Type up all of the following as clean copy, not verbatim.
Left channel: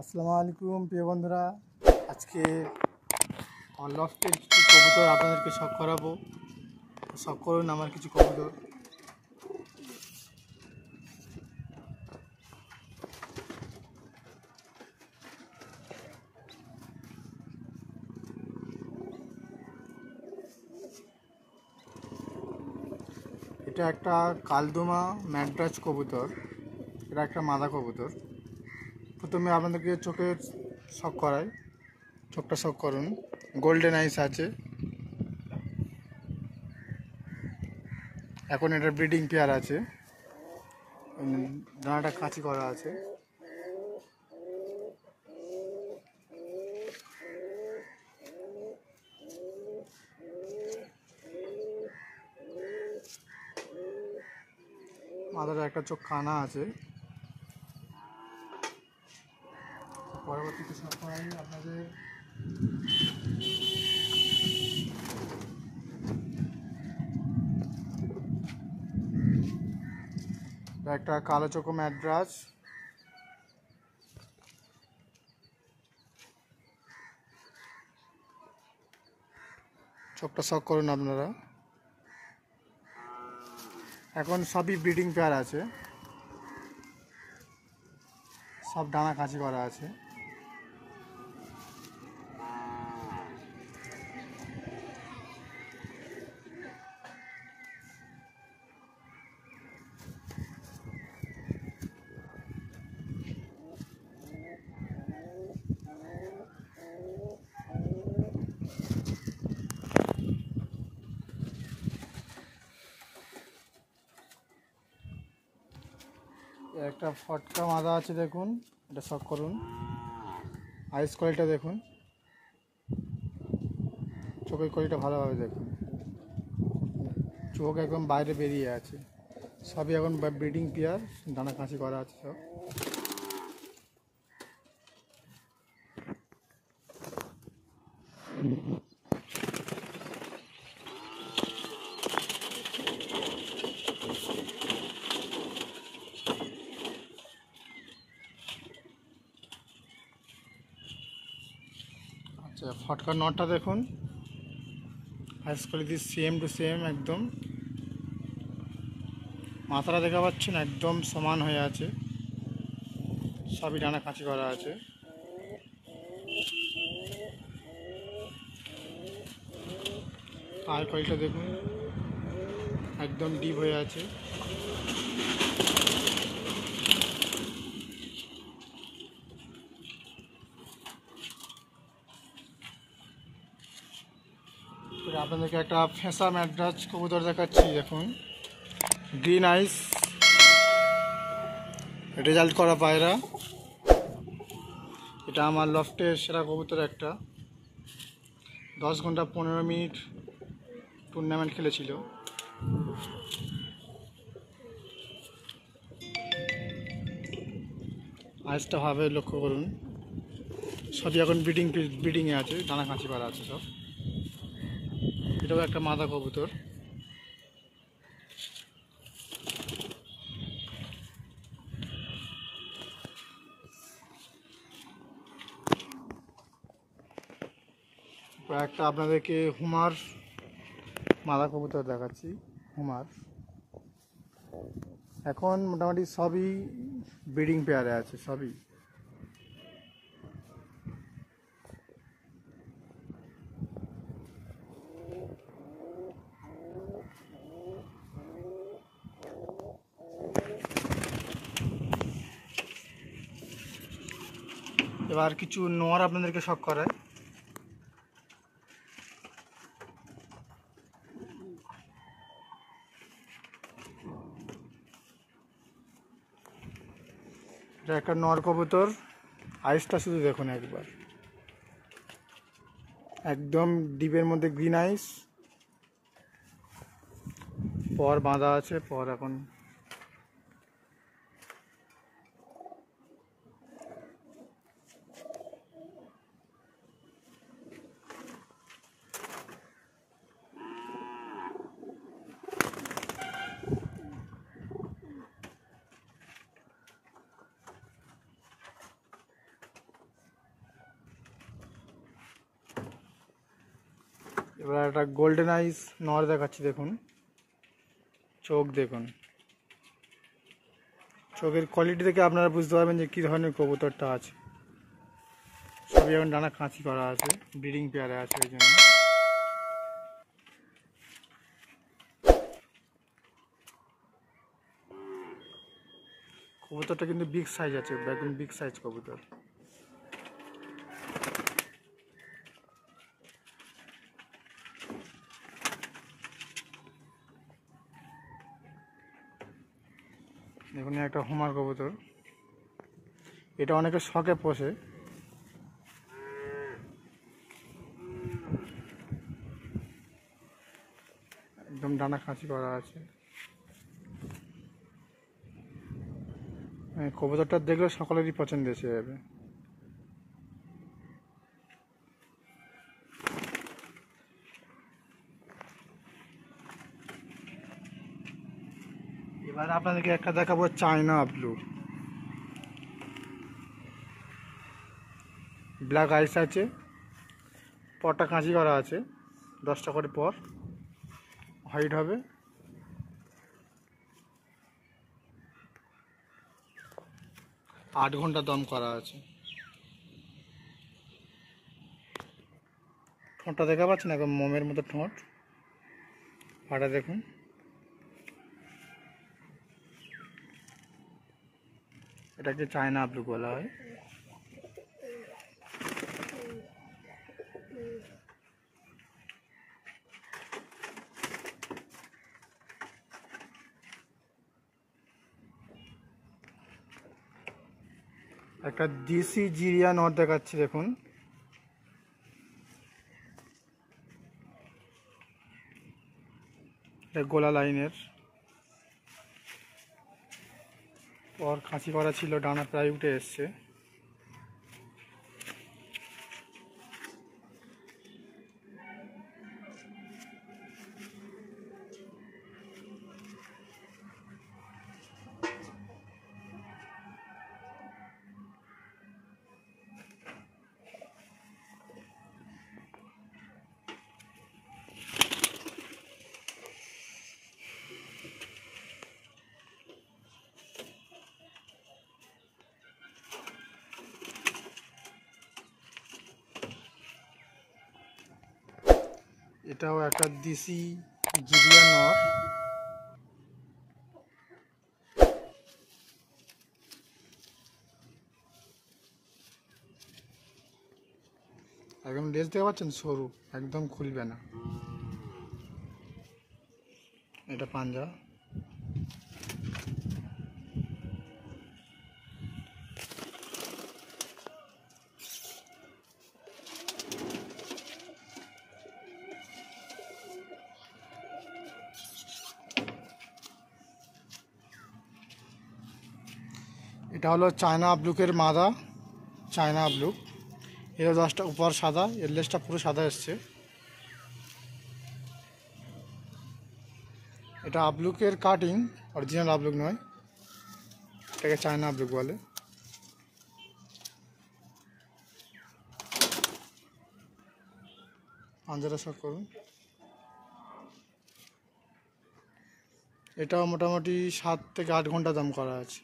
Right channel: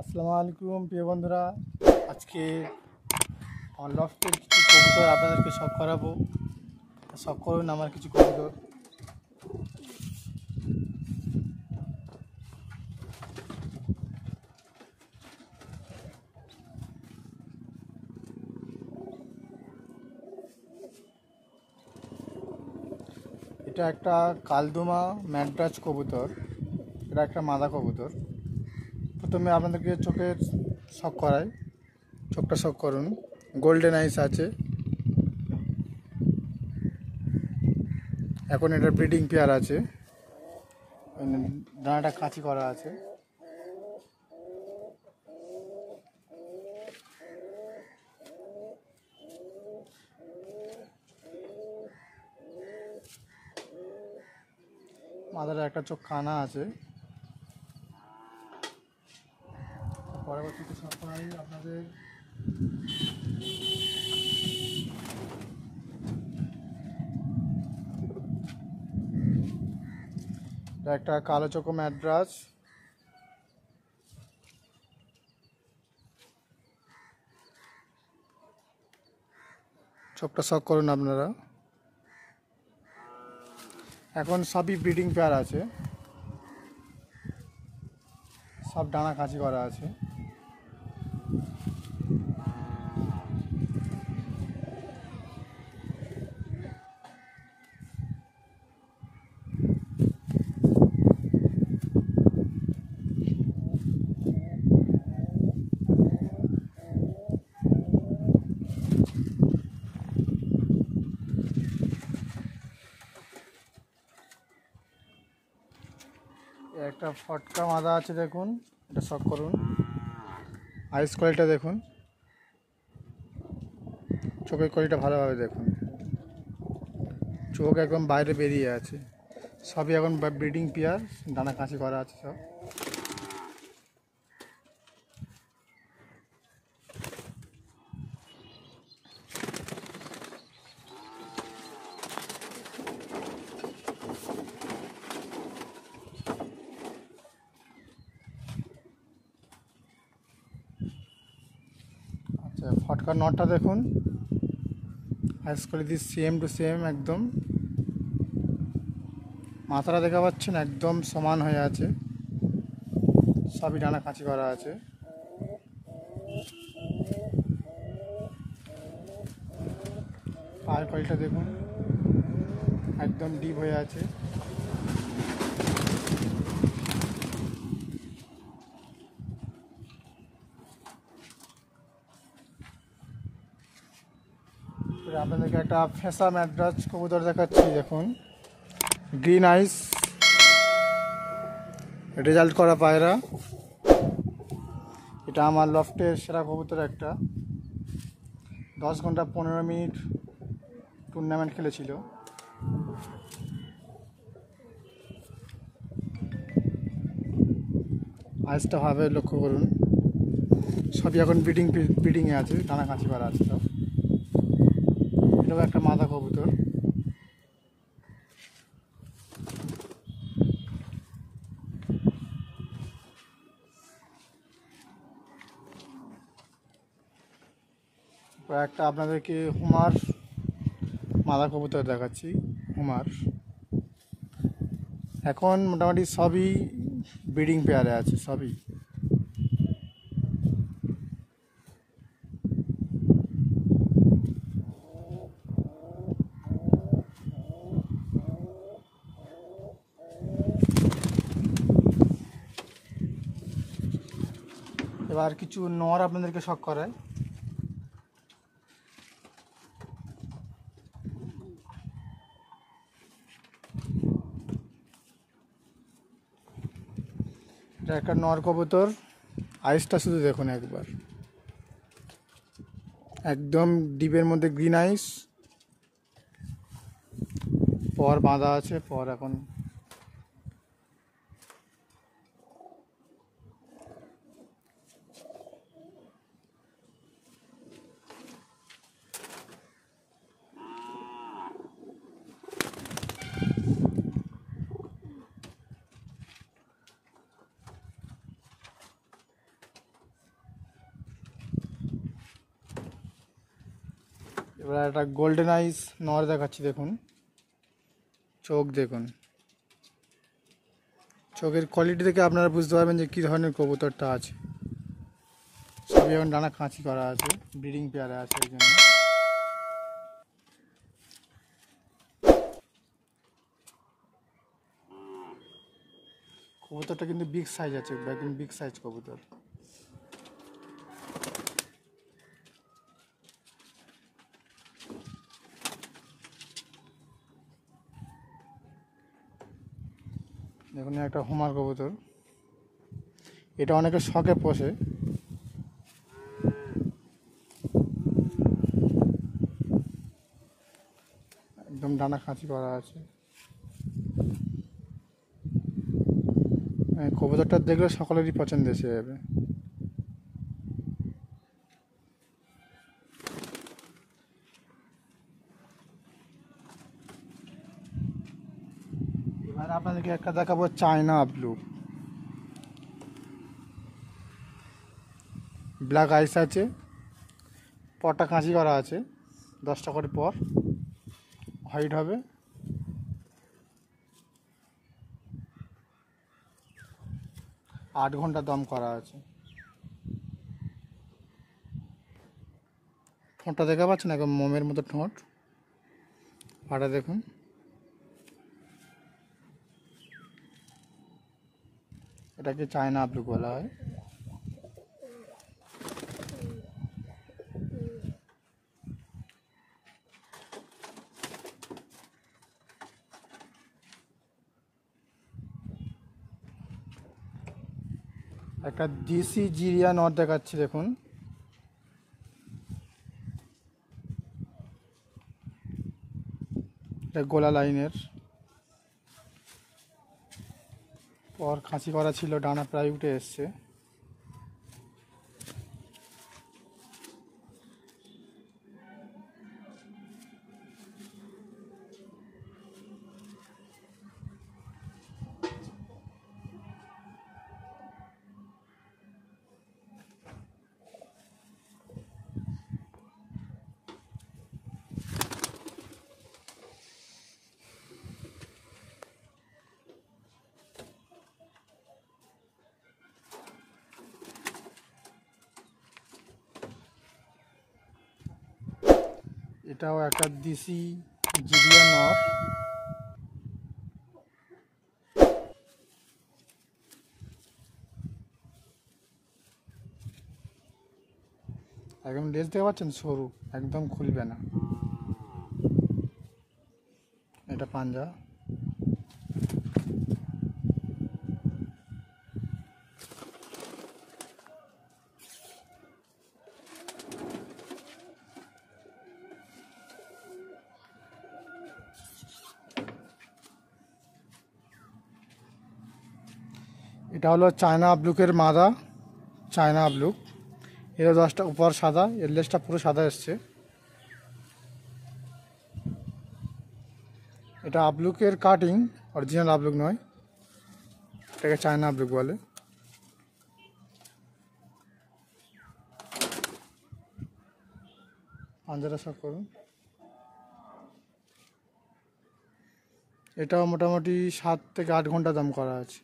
আসসালামু আলাইকুম প্রিয় বন্ধুরা। আজকে আমার লফটের কিছু কবুতর আপনাদেরকে শখ করাবো। শখ করুন আমার কিছু কবুতর। এটা একটা কালদুমা ম্যাড্রাস কবুতর। এটা একটা মাদা কবুতর। প্রথমে আপনাদেরকে চোখের শখ করাই। চোখটা শখ করুন। গোল্ডেন আইস আছে। এখন এটা ব্রিডিং পেয়ার আছে। ডানাটা কাঁচি করা আছে। মাদার একটা চোখ কানা আছে। পরবর্তীতে শখ করাই আপনাদের একটা কালো চোখো ম্যাড্রাস। চোখটা শখ করুন আপনারা। এখন সবই ব্রিডিং পেয়ার আছে, সব ডানা কাঁচি করা আছে। একটা ফটকা মাদা আছে, দেখুন এটা শখ করুন। আইস কোয়ালিটিটা দেখুন, চোখের কোয়ালিটিটা ভালোভাবে দেখুন। চোখ একদম বাইরে বেরিয়ে আছে। সবই এখন ব্রিডিং পেয়ার, ডানা কাঁচি করা আছে সব। আচ্ছা, ফটকার নটটা দেখুন, আইস কোয়ালিটি সেম টু সেম একদম। মাথাটা দেখা পাচ্ছেন একদম সমান হয়ে আছে। সবই ডানা কাঁচি করা আছে। আর কোয়ালিটিটা দেখুন, একদম ডিপ হয়ে আছে। আপনাদেরকে একটা ফেঁসা ম্যাড্রাস কবুতর দেখাচ্ছি, দেখুন গ্রিন আইস, রেজাল্ট করা পায়রা। এটা আমার লফটের সেরা কবুতর একটা। 10 ঘন্টা 15 মিনিট টুর্নামেন্ট খেলেছিল। আইসটা ভাবে লক্ষ্য করুন। সবই এখন ব্রিডিংয়ে আছে, ডানা কাঁচি করা আছে সব। এটাও একটা মাদা কবুতর। একটা আপনাদেরকে হুমার মাদা কবুতর দেখাচ্ছি। হুমার এখন মোটামুটি সবই ব্রিডিং পেয়ারে আছে, সবই। এবার কিছু নর আপনাদেরকে শখ করে। এটা একটা নর কবুতর। আইসটা শুধু দেখুন একবার, একদম ডিপের মধ্যে গ্রিন আইস। পর বাঁধা আছে, পর এখন এবার একটা গোল্ডেন আইস নর দেখাচ্ছি, দেখুন চোখ দেখুন, চোখের কোয়ালিটি দেখে আপনারা বুঝতে পারবেন যে কী ধরনের কবুতরটা আছে। সবই এখন ডানা কাঁচি করা আছে, ব্রিডিং পেয়ারে আছে ওই জন্য। কবুতরটা কিন্তু বিগ সাইজ আছে, একদম বিগ সাইজ কবুতর। দেখুন একটা হোমার কবুতর, এটা অনেকে শখে পোষে। একদম ডানা খাঁচি করা আছে। কবুতরটা দেখলে সকলেরই পছন্দ এসে যাবে। এবার আপনাদেরকে একটা দেখাবো চায়না ব্লু, ব্ল্যাক আইস আছে, পরটা কাঁচি করা আছে, 10টা করে পর হোয়াইট হবে। আট ঘন্টা দম করা আছে। ঠোঁটটা দেখতে পাচ্ছেন, একদম মোমের মতো ঠোঁট। পাটা দেখুন, এটাকে চায়না ব্লু বলা হয়। একটা দেশি জিরিয়া নট দেখাচ্ছি, দেখুন এটা গোলা লাইনের, পর খাঁচি করা ছিল, ডানা প্রায় উঠে এসছে। এটাও একটা দেশি জিরিয়া নর, একদম লেজ দেখতে পাচ্ছেন সরু, একদম খুলবে না। এটা পাঞ্জা। এটা হলো চায়না ব্লুকের মাদা, চায়না ব্লু। এর 10টা উপর সাদা, এর লেজটা পুরো সাদা এসছে। এটা আবলুকের কাটিং, অরিজিনাল আবলুক নয়, এটাকে চায়না আবলুক বলে। পাঞ্জাটা শখ করুন। এটাও মোটামুটি 7 থেকে 8 ঘন্টা দম করা আছে।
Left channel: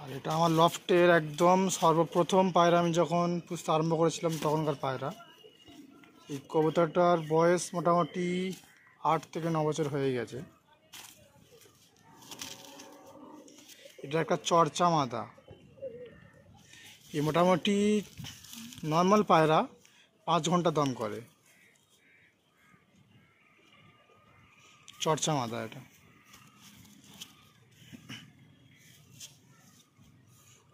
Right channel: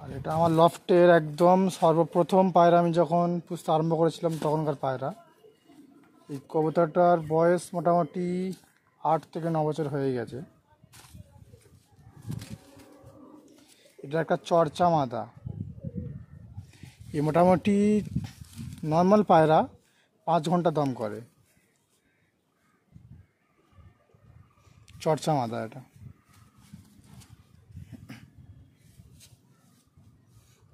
আর এটা আমার লফটের একদম সর্বপ্রথম পায়রা, আমি যখন পুষতে আরম্ভ করেছিলাম তখনকার পায়রা। এই কবুতরটার বয়স মোটামুটি 8 থেকে 9 বছর হয়ে গেছে। এটা একটা চর্চা মাদা। এই মোটামুটি নর্মাল পায়রা 5 ঘন্টা দম করে। চর্চা মাদা এটা।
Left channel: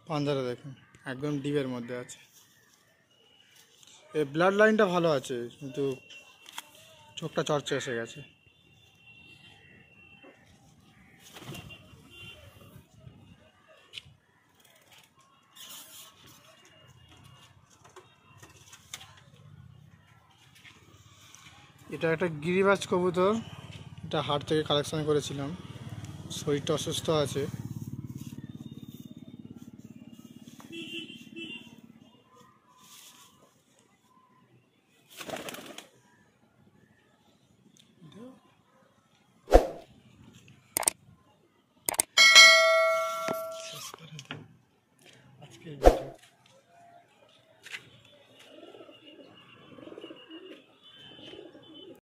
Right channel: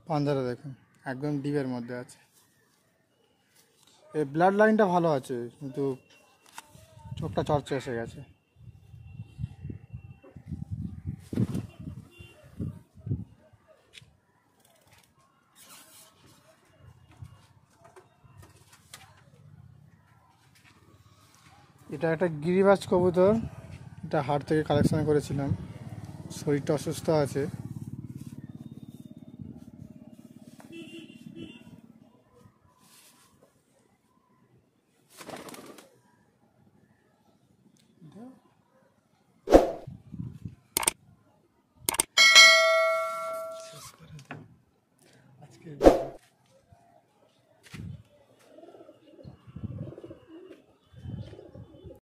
পাঞ্জারা দেখুন, একদম ডিপের মধ্যে আছে। এই ব্লাড লাইনটা ভালো আছে, কিন্তু চোখটা চর্চা এসে গেছে। এটা একটা গিরিবাজ কবুতর, এটা হাট থেকে কালেকশন করেছিলাম, শরীরটা অসুস্থ আছে।